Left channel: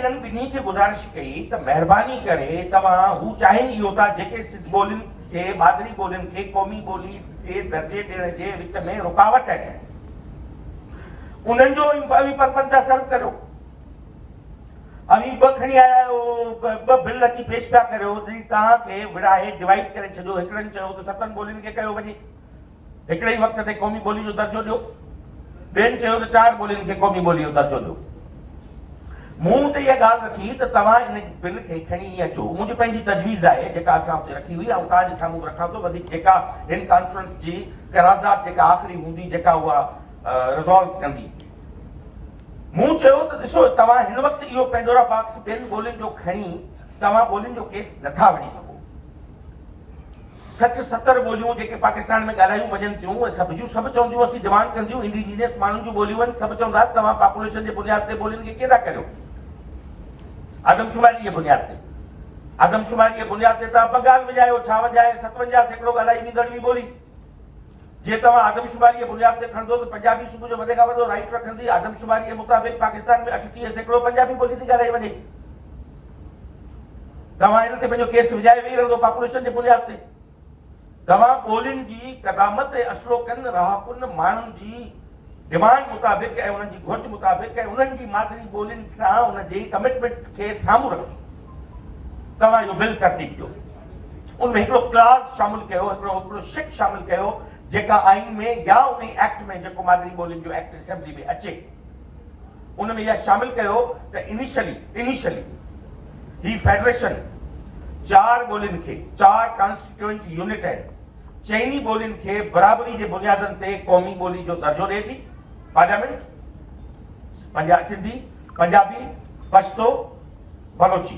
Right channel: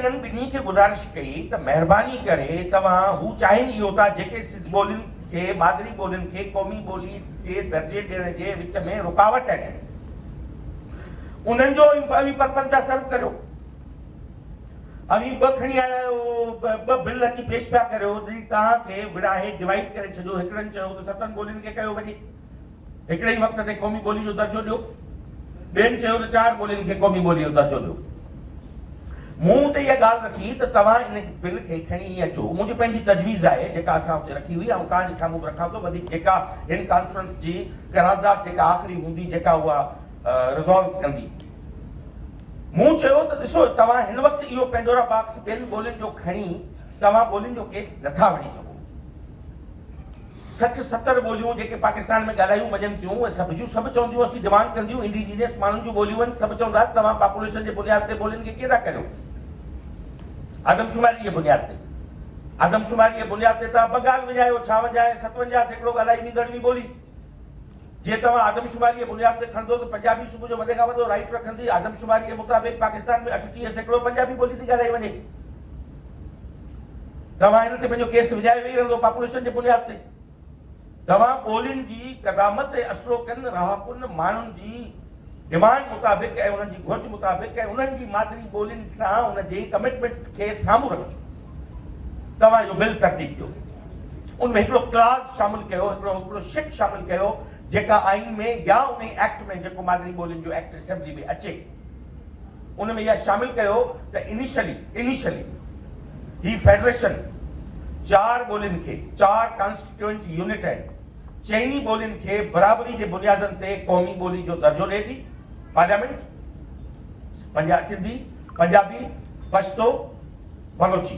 इन्हनि ॿिन्ही खे गुज़ारिश कई त महिरबानी करे तव्हां हू चाहिनि इहो था जेके सिंध ॿोलियुनि खे मादरी ॿोलियुनि खे क़ौमी ॿोली जे दर्जे ॾियण जे विच में रुकावट आहिनि उन्हनि जो अवी पर्पज़ पिया सॉल्व करियो। अवी ॿ खणी आया आहियो, ॿ बिल अची पेश पिया करियो जॾहिं तव्हांखे विड़ाए डिवाइड करे छॾियो। हिकिड़नि चयो त 7 ॿोलियुनि खे कयो वञे, हिकिड़े ई वक़्त ते क़ौमी ॿोली जो दर्जो ॾियो, ॿियनि चयो त 4 ॿोलियुनि खे क़ौमी ॿोली जो दर्जो ॾियो। मूं त इहा ॻाल्हि रखी त तव्हां इन बिल खे खणी अचो। मुंहिंजी पंहिंजी तजवीज़ आहे जेका असां हुते रखी हुई ऐं तव्हांजे साम्हूं रखां थो। वधीक जेका हिन कॉन्फ्रेंस जी करारदाद जेका आख़िरी हूंदी जेका उहा रिज़ॉल्व कंदी, मूं चयो त ॾिसो तव्हां हिन वक़्तु इहो पेंडोरा बॉक्स ॿियनि ॿोलियुनि जो खणी तव्हां ॿोलियुनि जो केस नथा वठी सघो। 60-70 ॿोलियूं जेके पाकिस्तान में ॻाल्हायूं वञनि थियूं उहे सभु चवंदियूं असीं डिमांड कंदियूं इंडिजीनियस माण्हुनि जूं ॿोलियूं आहिनि। सभु चवंदा तव्हां पॉपुलेशन जे बुनियाद ते ॿोलियुनि खे कीअं था करियो। आदमशुमारी जे बुनियाद ते तव्हां बंगाल विझायो, छा वॼाए 57 सैकड़ो ॻाल्हाई ईंदड़ ॿोली। जे तव्हां आदमशुमारी जे बुनियाद ते खणंदो त पंजाबी सुबुह जो वधे खां वधो राइट रखंदी। आदमशुमारी जे मुताबिक़ पाकिस्तान में 38 सैकड़ो पंजाबी ॿोली थी ॻाल्हाई वञे। तव्हां हिन ते पंहिंजो केस विझाए वेही रहंदो पॉपुलेशन जे बुनियाद ते। तव्हां ॿोलियुनि जी क़दामत ते असलो कनि रहाकुनि माण्हुनि जी डिमांड मुताबिक़ ऐं उन्हनि जी घुर्ज मुताबिक़ ऐं उन्हनि जी मादरी ॿोलियुनि सां उन जी कमिटमेंट खे साम्हूं रखी तव्हां इहो बिल तरतीब कयो। उनमें हिकिड़ो क्लाज़ शामिल कयो, हिकिड़ो शिक शामिल कयो जेका आइन में या उन एक्ट में जेको मादरी ॿोलियुनि जो एक्ट असेंबली में अचे उन में इहा शामिल कयो त इनिशियली ही फेडरेशन 4 ॿोलियुनि खे 4 कॉन्स्टिट्यूएंट यूनिट आहिनि, 4 ॿोलियुनि खे बराबरी जे बुनियादनि ते क़ौमी ॿोली जो दर्जो ॾिए थी। पार्लियामेंट सिंधी, पंजाबी, पश्तो, बलोची।